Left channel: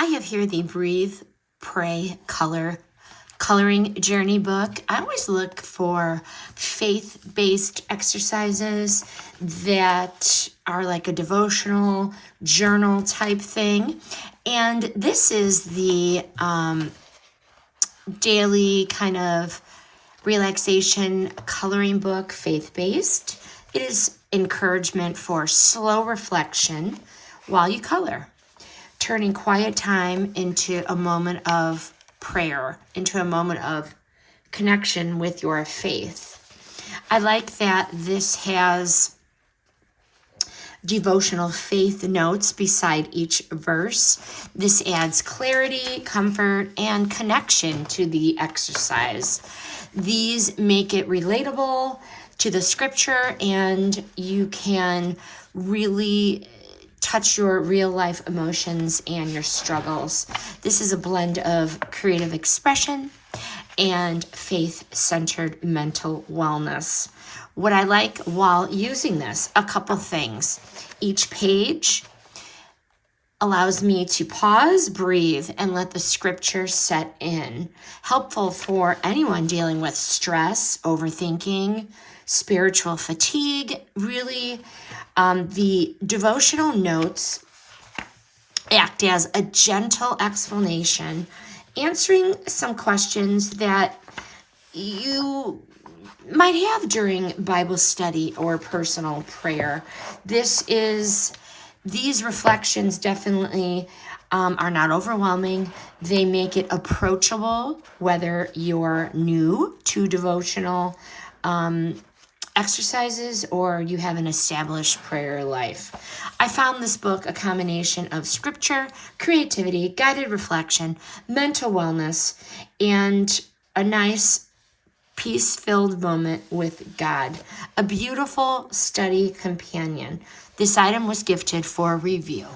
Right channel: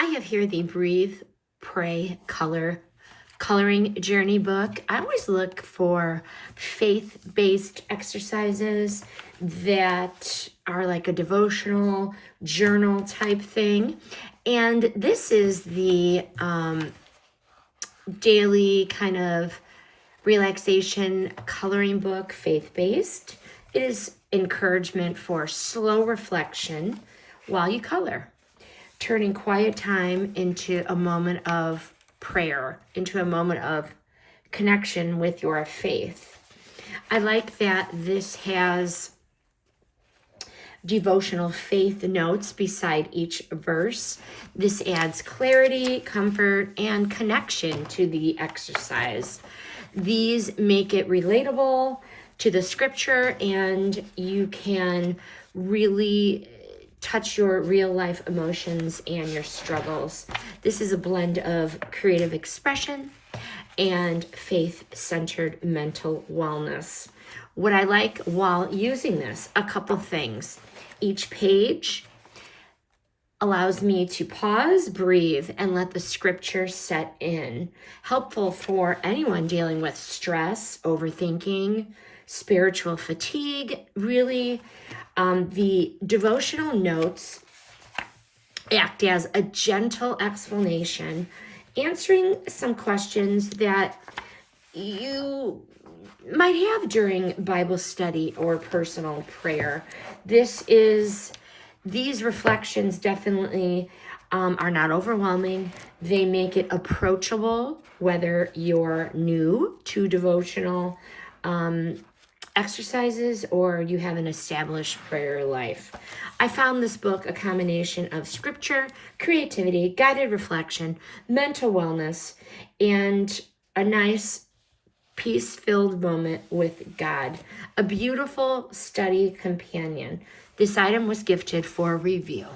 I have here the Breathe, Pray, Coloring Journey book. I always look for faith-based exercises that are like a devotional journal type thing. And this is the daily kind of relaxation coloring book, faith-based. It is encouragement for slow reflection while you color, turning quiet time into a moment of prayer, into a moment of connection with your faith. I like that this has devotional faith notes beside each verse. This adds clarity, comfort, and connection to the exercise. These make it relatable to the scripture, and you can really touch your real life emotions and your struggles. This is a blend of creative expression and faith-centered mental wellness. What I like while using this, a couple things. Each page allows me to pause, breathe, and let the scripture set in. Helpful for anyone dealing with stress, overthinking, spiritual fatigue. Really, the devotional notes act as a gentle explanation, answering some questions that you might have during Bible study or personal prayer. These reflections definitely are not overwhelming. They make it approachable, whether you're new to devotional exercises or you have an established prayer life. I found this book a combination of scripture, creativity, guided reflection, mental wellness, and a nice peace-filled moment with God. A beautiful study companion. This item was gifted for review.